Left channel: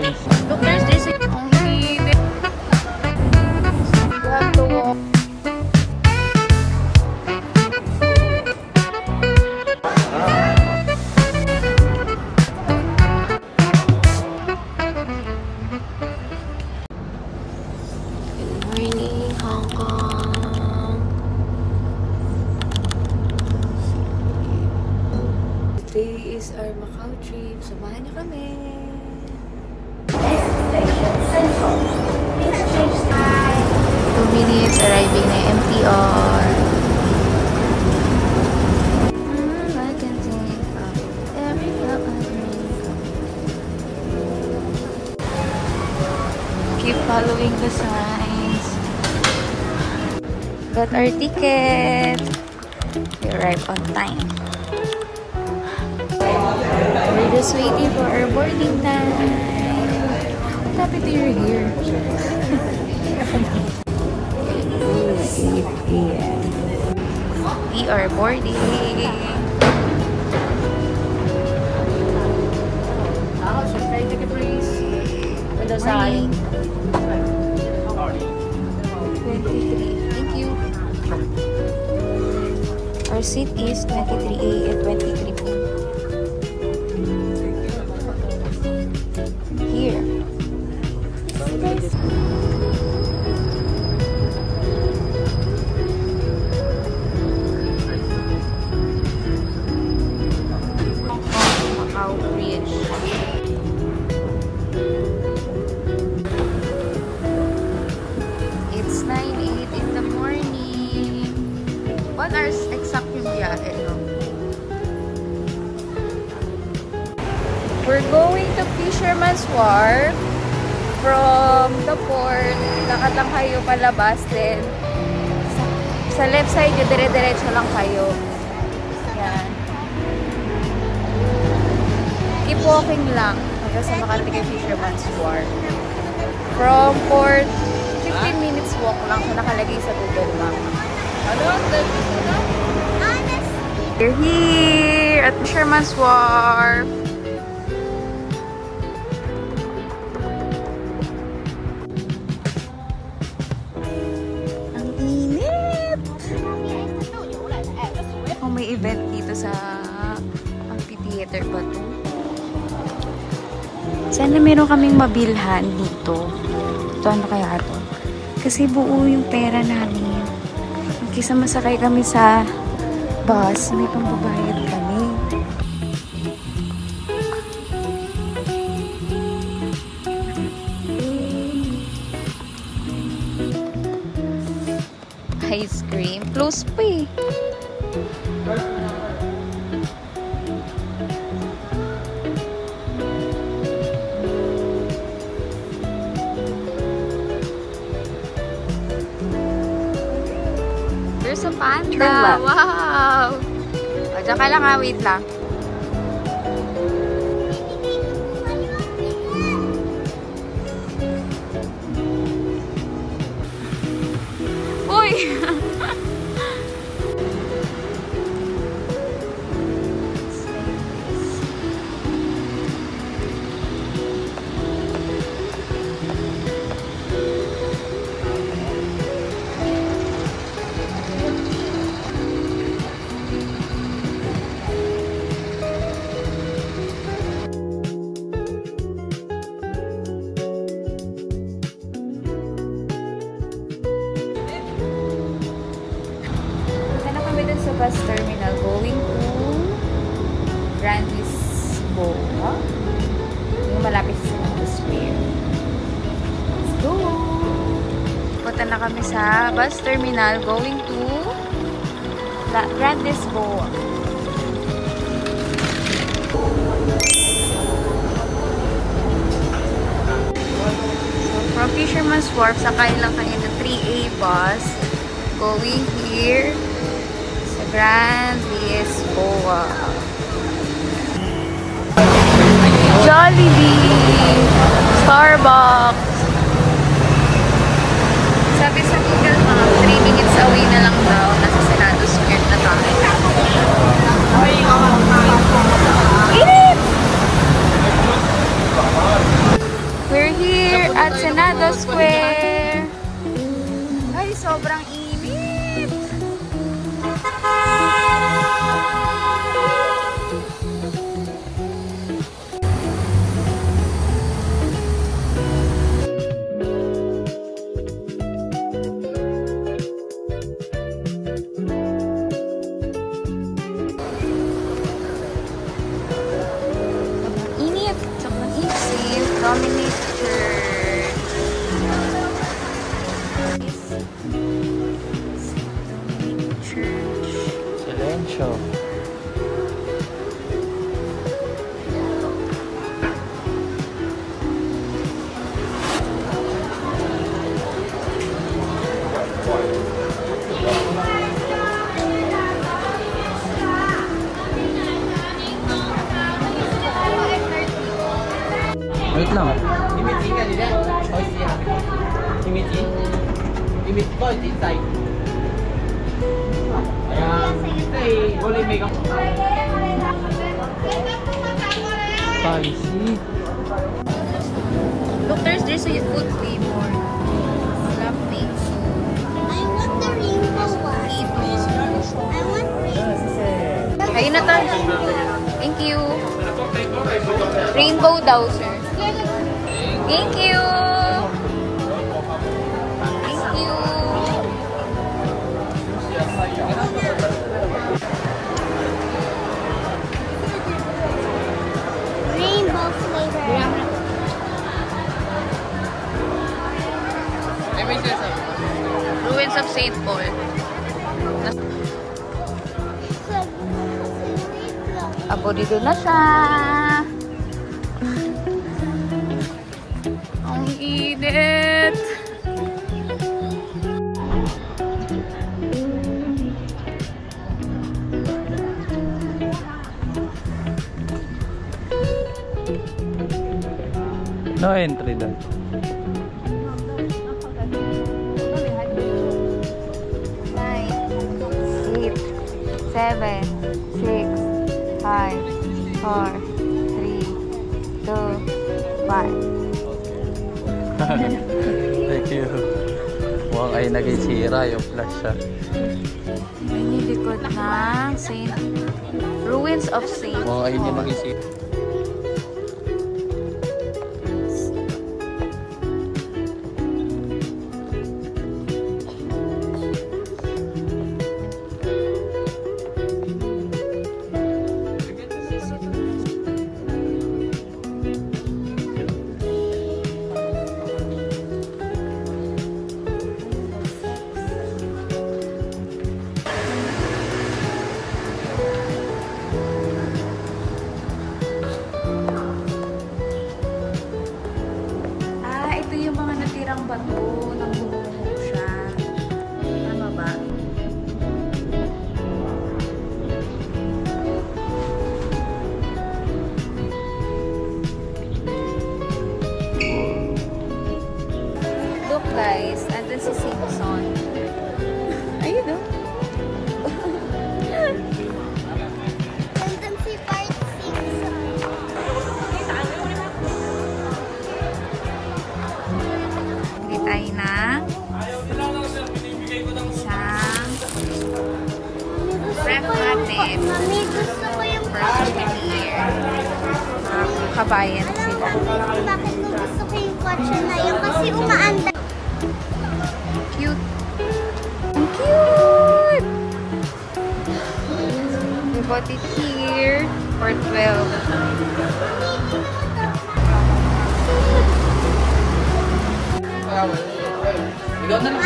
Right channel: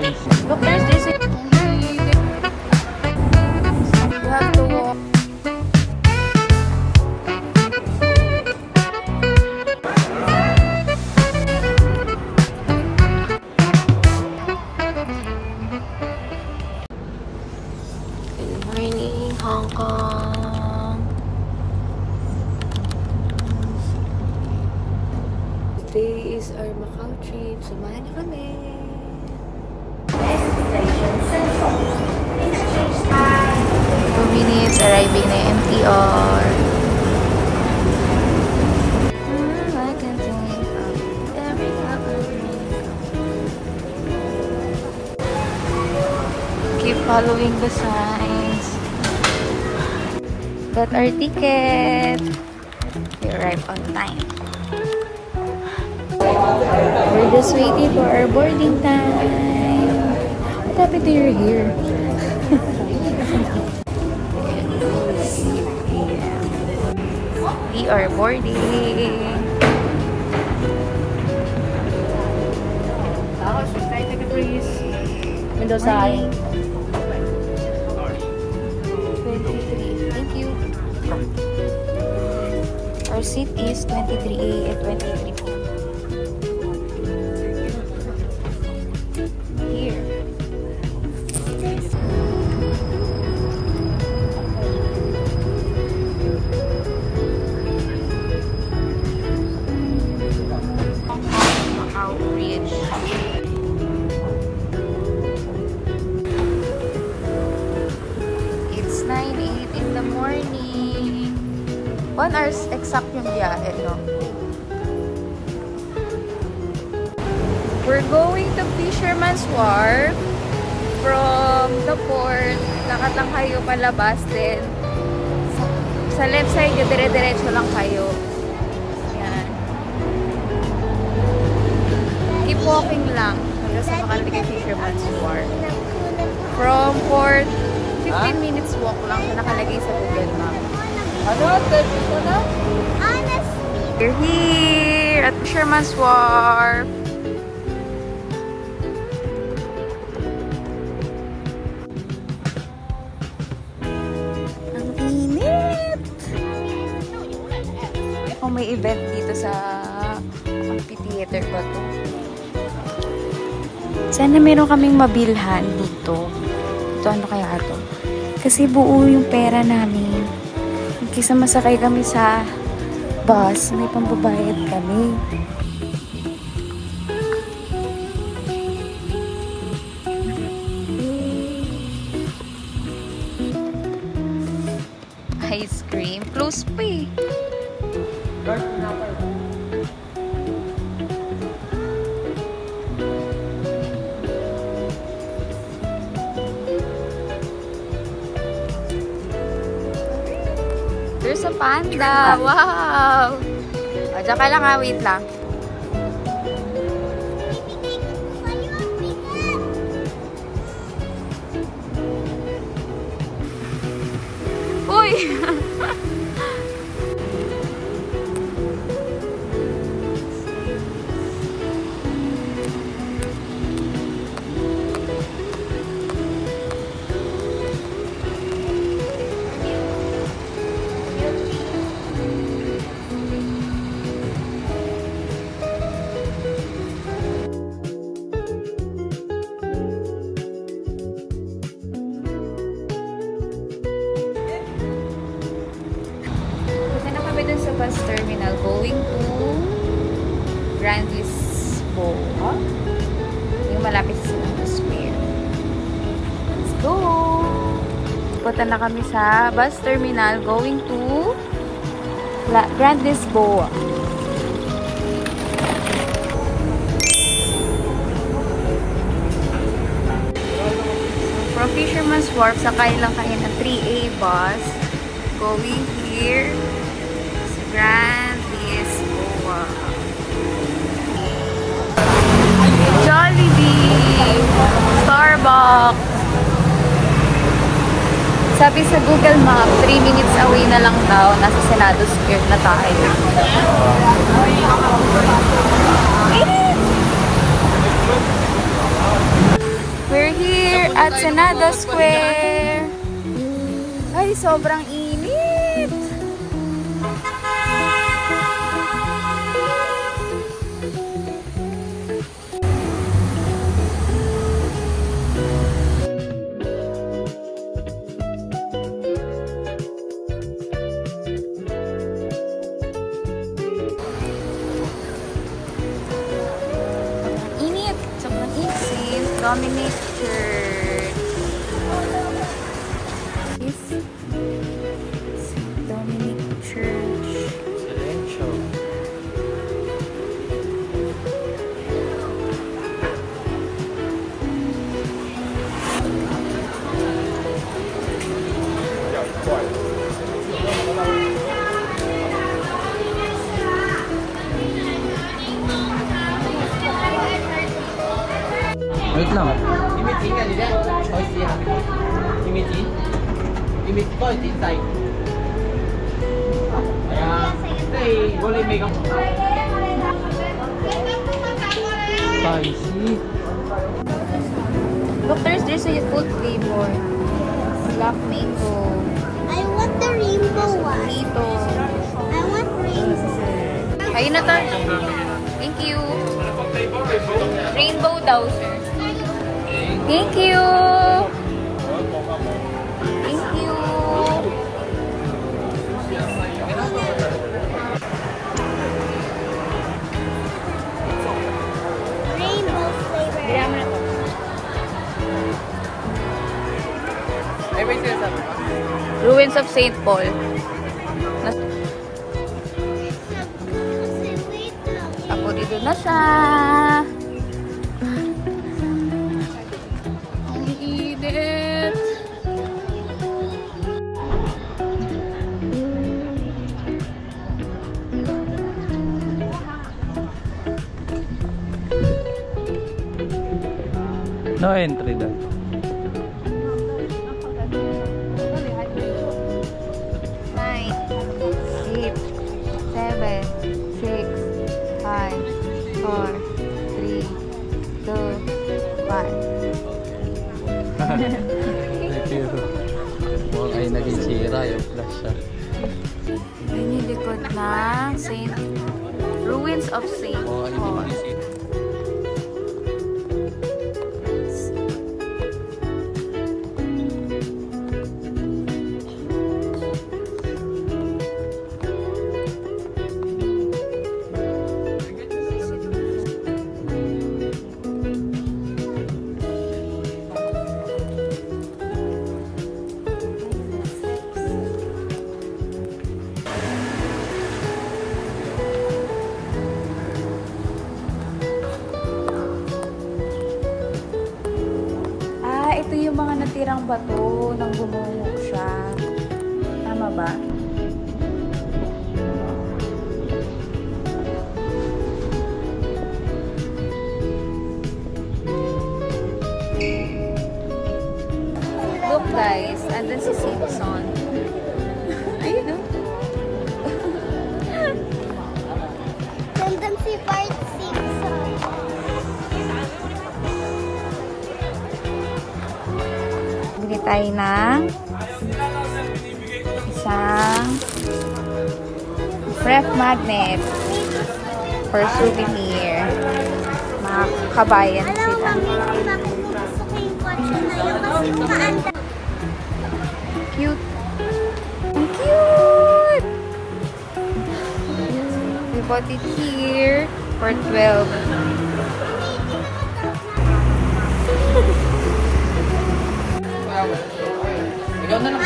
Look, there's this only. Good morning, Hong Kong. Today is our Macau trip. Samahan niyo kami. 2 minutes arriving na MTR. I can think of every cup I drink of. Keep following the signs. Got our ticket. We arrived on time. We're just waiting for our boarding time. What happened to your hair? 8 p.m. We are boarding. Morning. 23. Thank you. Our seat is 23A and 23B. Here. Macau Bridge. It's 9:08 in the morning. 1 hour exact yung biyahe, no? We're going to Fisherman's Wharf from the port. Lakad lang kayo palabas din. Sa left side, dire-diretso lang kayo. Yan. Keep walking lang hanggang sa makarating kay Fisherman's Wharf. From port, 15 minutes walk lang siya nakalagay sa Google Map. We're here at Fisherman's Wharf. Kung may event dito sa amphitheater ba to? Sana meron kaming mabilhan dito. Ito ano kaya ito? Kasi buo yung pera namin. Kaysa masakay kami sa bus, may pambabayad kami. Ice cream. Close pa eh. There's a panda. Wow! O, dyan ka lang ha. Wait lang. Uy! Dun sa bus terminal going to Grand Lisboa. Yung malapit sa Sinangdo Square. Let's go! Punta na kami sa bus terminal going to Grand Lisboa. So from Fisherman's Wharf, sakay lang kayo ng 3A bus going here Grand Lisboa. Jollibee, Starbucks. Sabi sa Google Maps, 3 minutes away na lang daw. Nasa Senado Square na tayo. Square. Ay, sobrang init. Sobrang init. Dominic Church. Dominic Church. Silencio. Wait lang. Imagine ka nila. Choice yan. Imagine. Imagine ko, it's inside. Kaya, hey, wala make up. Spicy. Look, there's a full flavor. Black mango. I want the rainbow. Ito. I want rainbow. Ayun na to. Thank you. Rainbow daw, sir. Thank you. Thank you. Rainbow flavor. Bigyan mo na to. Ruins of St. Paul. Ako dito na siya. Ang init. No entry daw. 8, 7, 6, 5, 4, 3, 2, 1. Thank you. Mukhang ay naging sira yung flash siya. Ayun yung likod na Ruins of St. Mukhang ay hindi Paul. naging sira. Ito yung mga natirang bato nang bumungog siya. Tama ba? Look guys, andun si Simpson. Ayun oh. Nandun si Bart Simpson. Bili tayo ng isang breath magnet for souvenir. Mga kabayan Alam mo, sila. gusto ko yung kotse na yun kasi umaandar. Cute. Ang cute! We bought it here for 12. Ikaw na lang.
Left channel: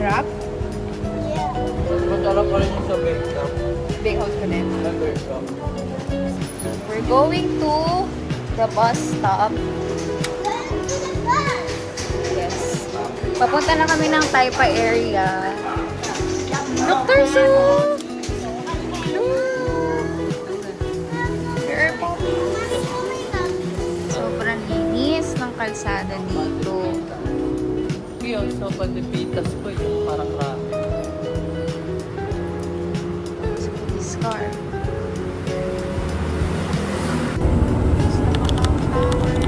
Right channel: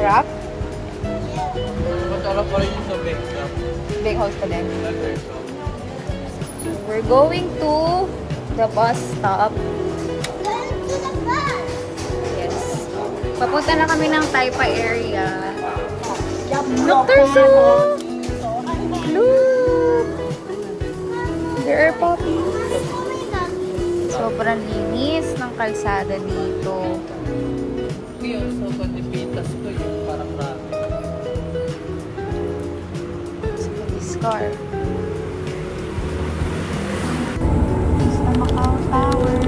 Sarap? Ano pa rin sa makeup? Big house pa din. So, we're going to the bus stop. Going to the bus. Yes. Papunta na kami ng Taipa area. Look, Tarso! Look! There are puppies. Sobrang linis ng kalsada dito. Kaya sa pagdipitas ko yung parang rami. Police car. Sa Macau Tower.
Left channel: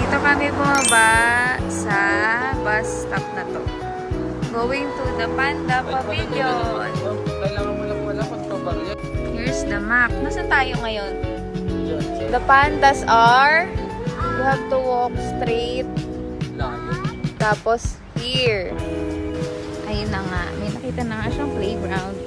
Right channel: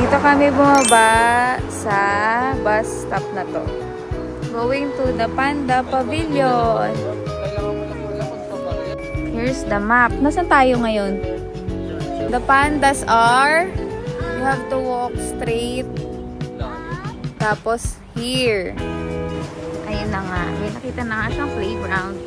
Dito kami bumaba sa bus stop na to. Going to the Panda Pavilion. Here's the map. Nasaan tayo ngayon? The pandas are, you have to walk straight. Tapos here. Ayun na nga. May nakita na nga siyang playground.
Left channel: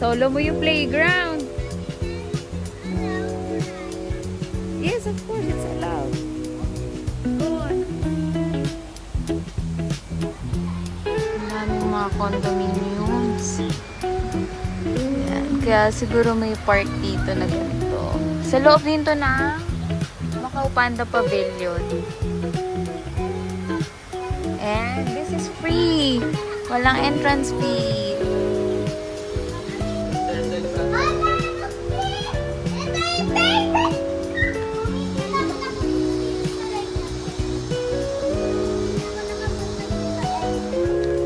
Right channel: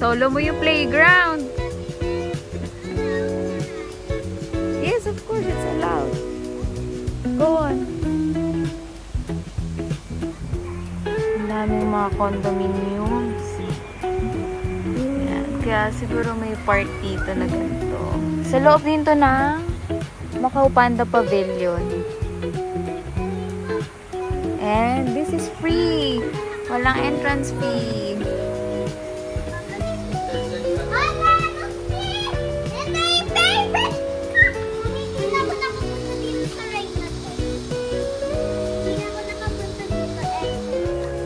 Solo mo yung playground. Yes, of course, it's allowed. Go on. Ang daming mga condominiums. Yan. Kaya siguro may park dito na ganito. Sa loob dito na Macau Panda Pavilion. And this is free. Walang entrance fee.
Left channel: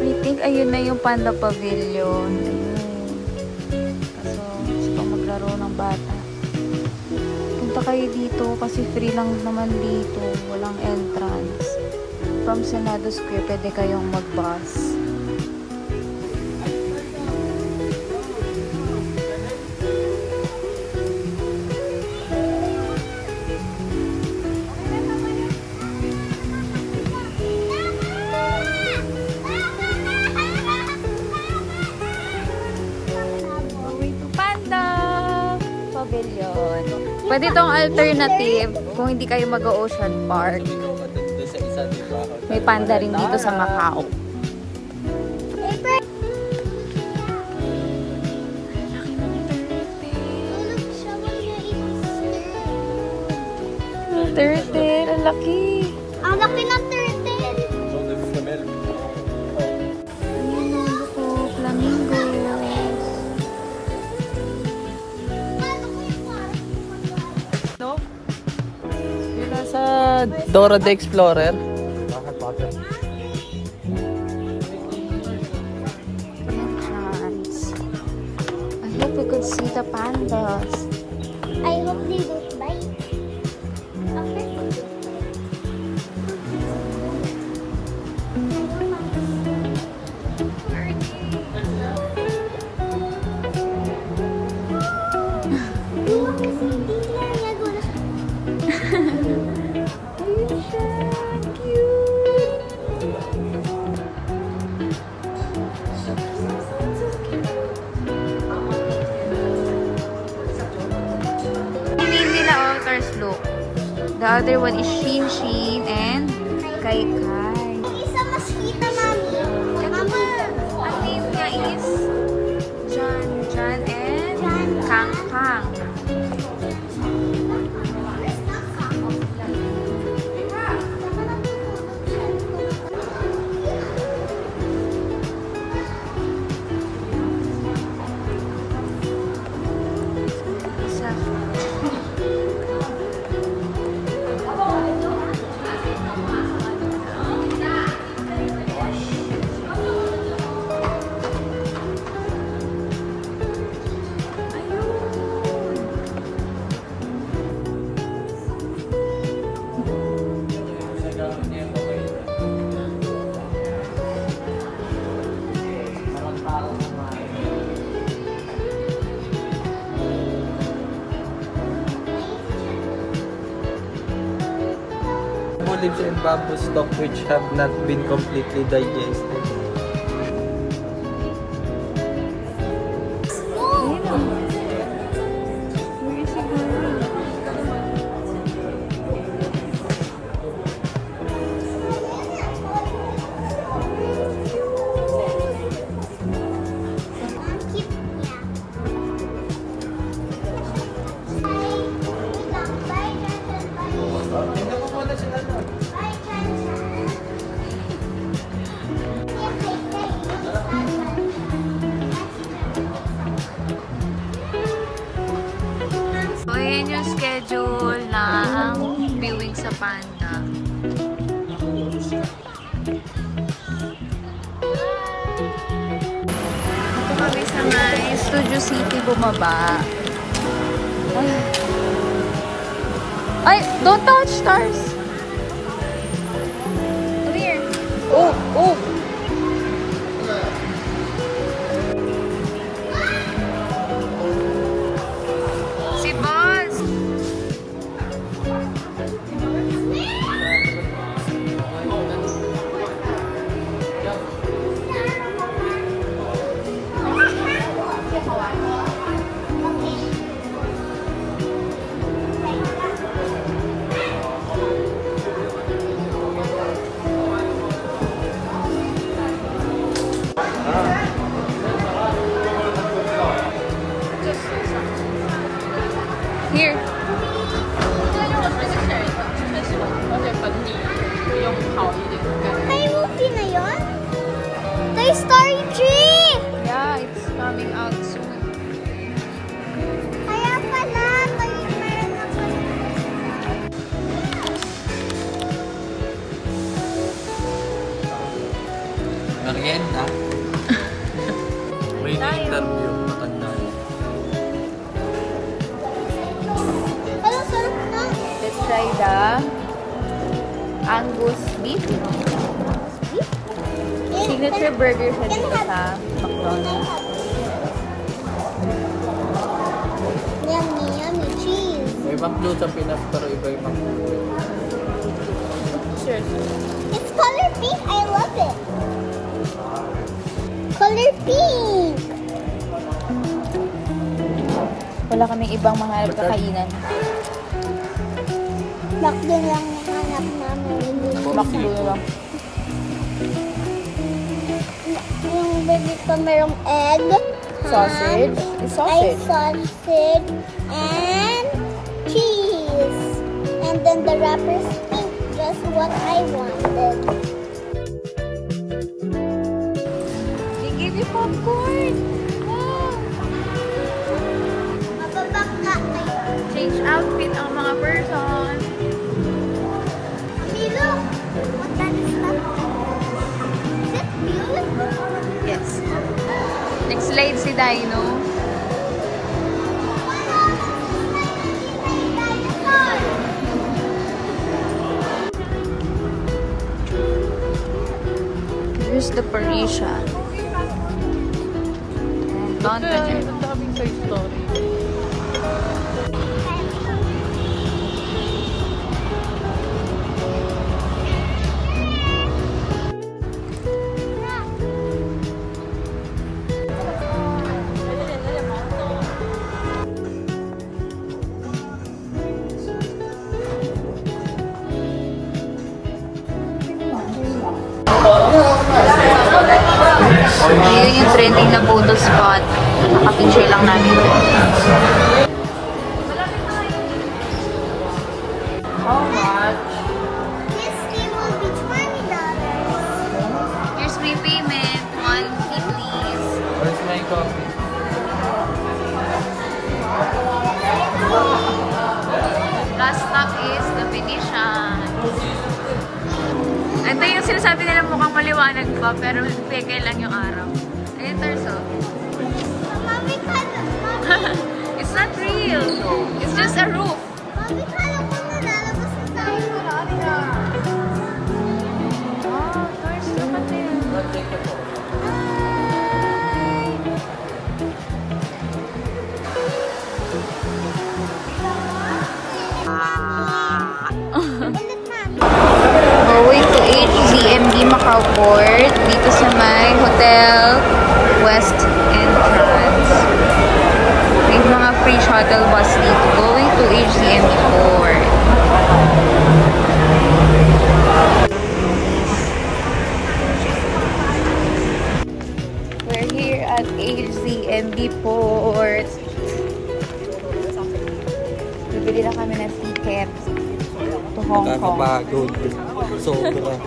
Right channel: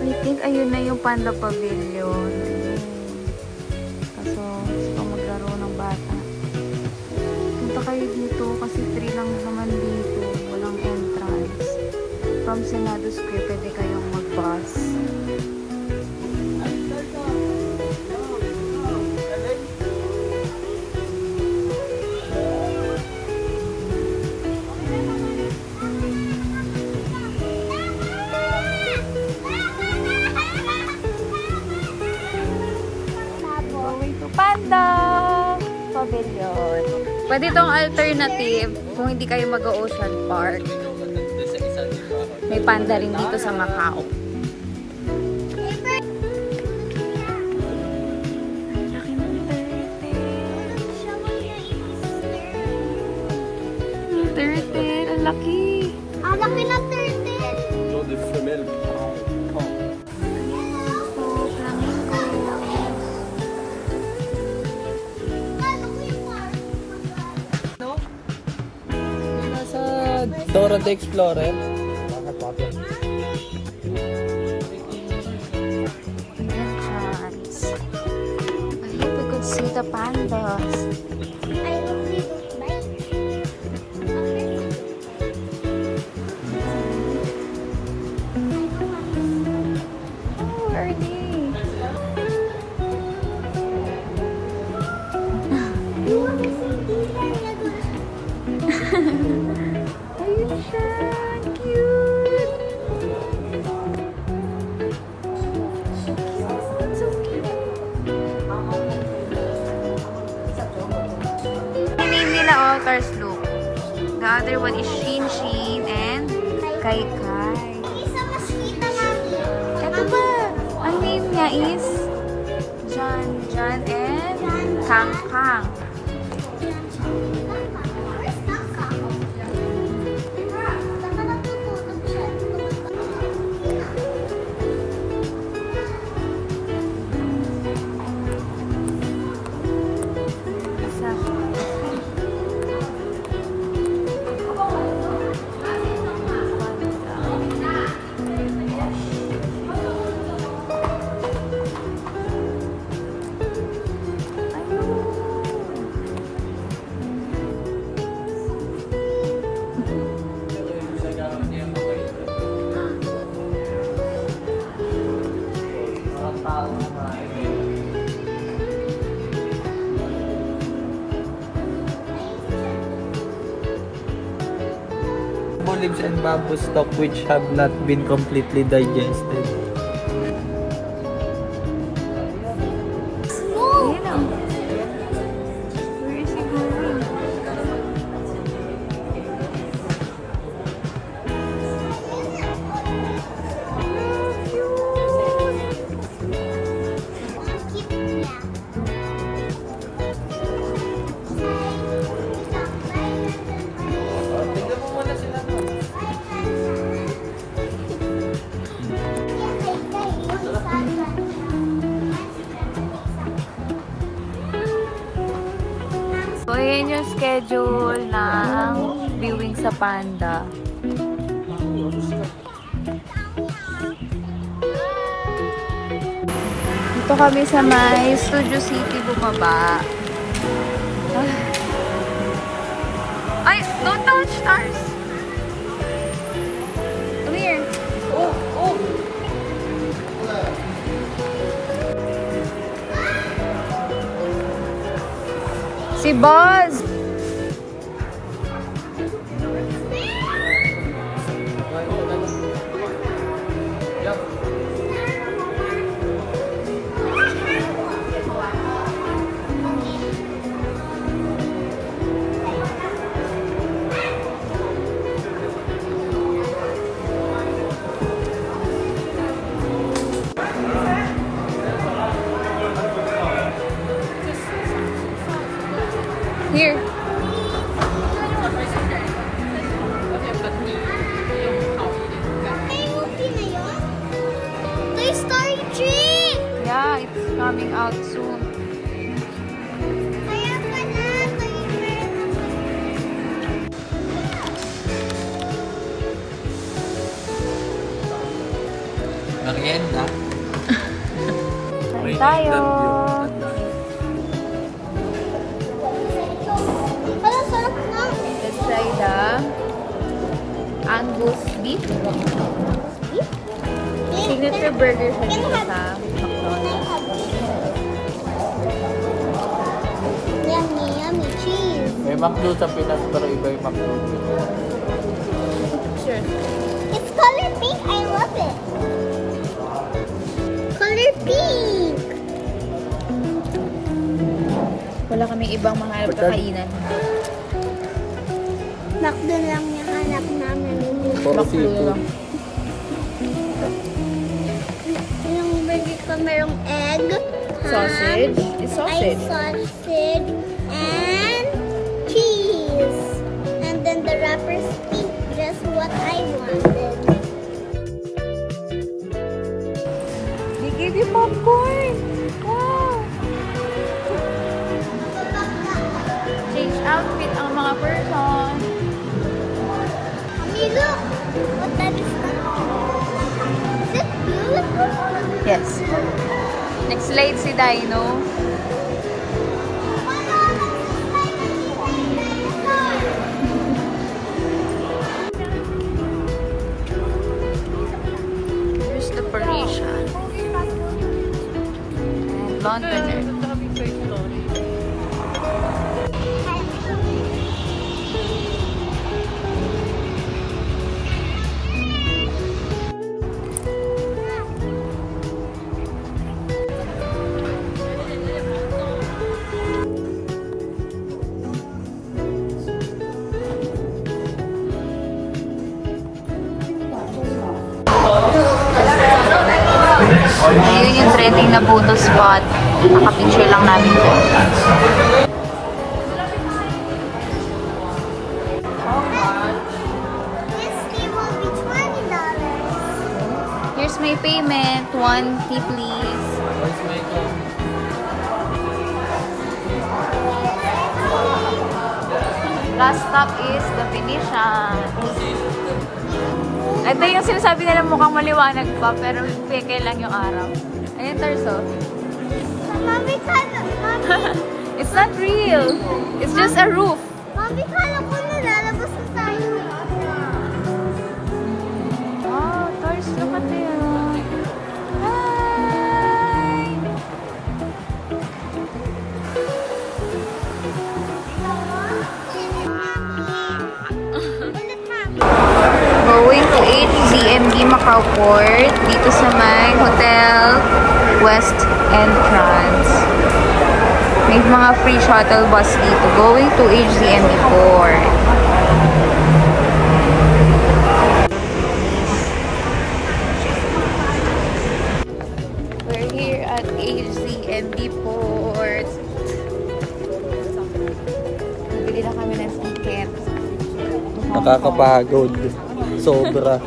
I think ayun na yung Panda Pavilion. Ayun. Kaso, gusto pa maglaro ng bata. Punta kayo dito kasi free lang naman dito. Walang entrance. From Senado Square, pwede kayong mag-bus. Pavilion. Pwede itong alternative kung hindi kayo mag-Ocean Park. May panda rin dito sa Macau. Ang laki ng turtle. Turtle, ang laki. Ang laki ng turtle. Ayun ang loko, flamingo. Dora the Explorer. Entrance. I hope we could see the pandas. I hope they don't bite. Oh, where are they? Ayun siya. Cute. So cute. Ayun nila, otters, look. The other one is Shin Shin and Kai Kai. Isa mas kita namin. Ito ba? Ang name niya is Jan Jan and Kang Kang. Leaves and bamboo stalk which have not been completely digested. Ayun o. Where is he going? Ang cute niya. Ay, nag-schedule ng viewing sa Panda. Dito kami sa may Studio City bumaba. Ay, don't touch stars. Come here. Oh, oh. Si Buzz. Here. Ay, movie na yun? Toy Story 3! Yeah, it's coming out soon. Kaya pala, Toy Merienda. Kain tayo. Wala, sarap na. Let's try the Angus beef. Signature burger siya dito sa McDonald's. Yummy, yummy cheese. May McDo sa Pinas pero iba yung McDo. Sure. It's color pink. I love it. Color pink. Wala kaming ibang mahanap na kainan. McDo lang yung hanap namin. McDo lang. Yung burger ko merong egg, Sausage. ham, It's sausage. sausage, and cheese. And then the wrapper's pink, just what I wanted. They give you popcorn. Change outfit ang mga person. Hey, look! What that is that? Is it beautiful? Yes. Next slide si Dino. Here's the Parisian. And Londonette. Ayun yung trending na photo spot. Nakapicture lang namin dyan. This game will be $20. Here's my payment. 1 tea please. Where's my coffee? Last stop is the Venetian. Ito yung sinasabi nila mukhang maliwanag pa, pero peke lang yung araw. Ayun, torso. Mommy, kala It's not real. It's just a roof. Mommy, kala ko nalalabas na tayo. Wow, torso pati. Hi! Ulit, Mami. Going to HZMD Macau Port. Dito sa may Hotel West Entrance. May mga free shuttle bus dito. Going to HZMD Port. We're here at HZMD Port. Nabili na kami ng ticket to Hong Kong. Nakakapagod. Sobra.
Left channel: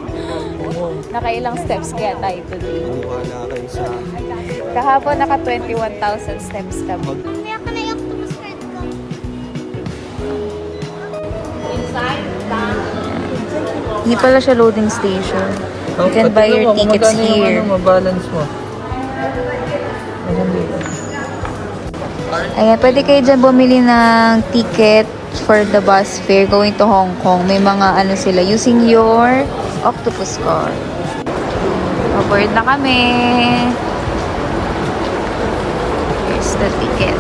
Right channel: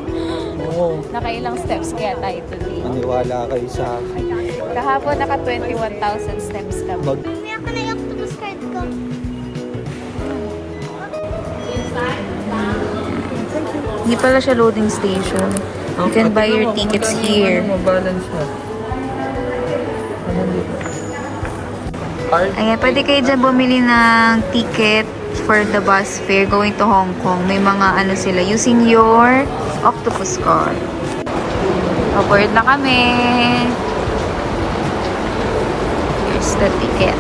Oo. Nakailang steps kaya tayo today. Maniwala kayo sa Kahapon naka 21,000 steps kami. Hindi ako na yung octopus card ko. Hindi pala siya loading station. You can buy your tickets here. Mabalance mo. Ayan dito. Ayan, pwede kayo dyan bumili ng ticket for the bus fare going to Hong Kong. May mga ano sila, using your octopus card. Aboard na kami. Here's the ticket.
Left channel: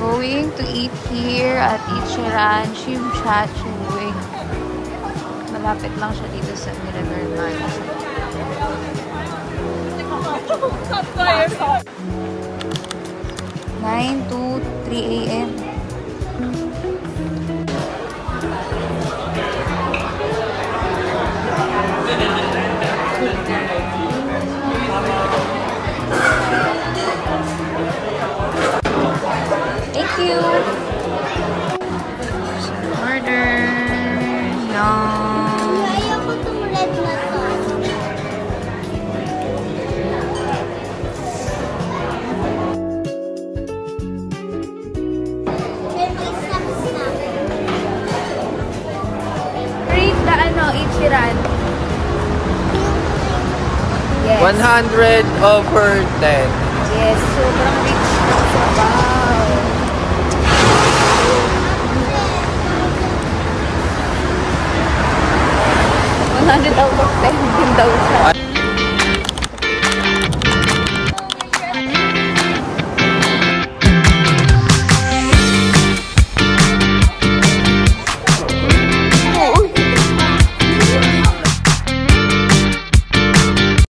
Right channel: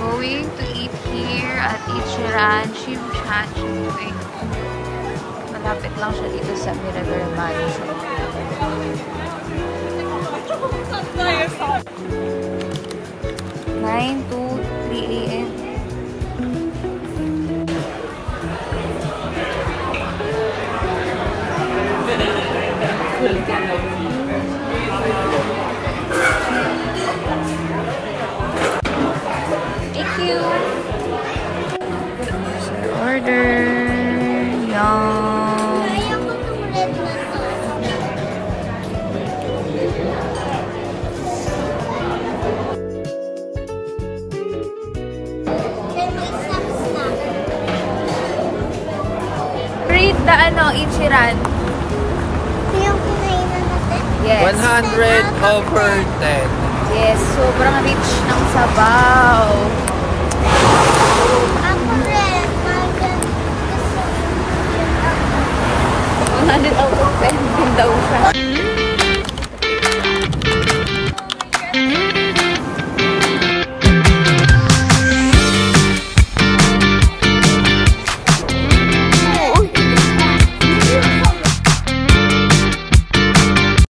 Going to eat here at Ichiran Chimcha Chimwing. Malapit lang sa dito sa Mirador Mall. 9 to 3 a.m. Thank you. Order. Yum. Rate the Ichiran. Yes. 100 over 10. Yes, sobrang rich ng sabaw. 100 out of 10 din daw siya.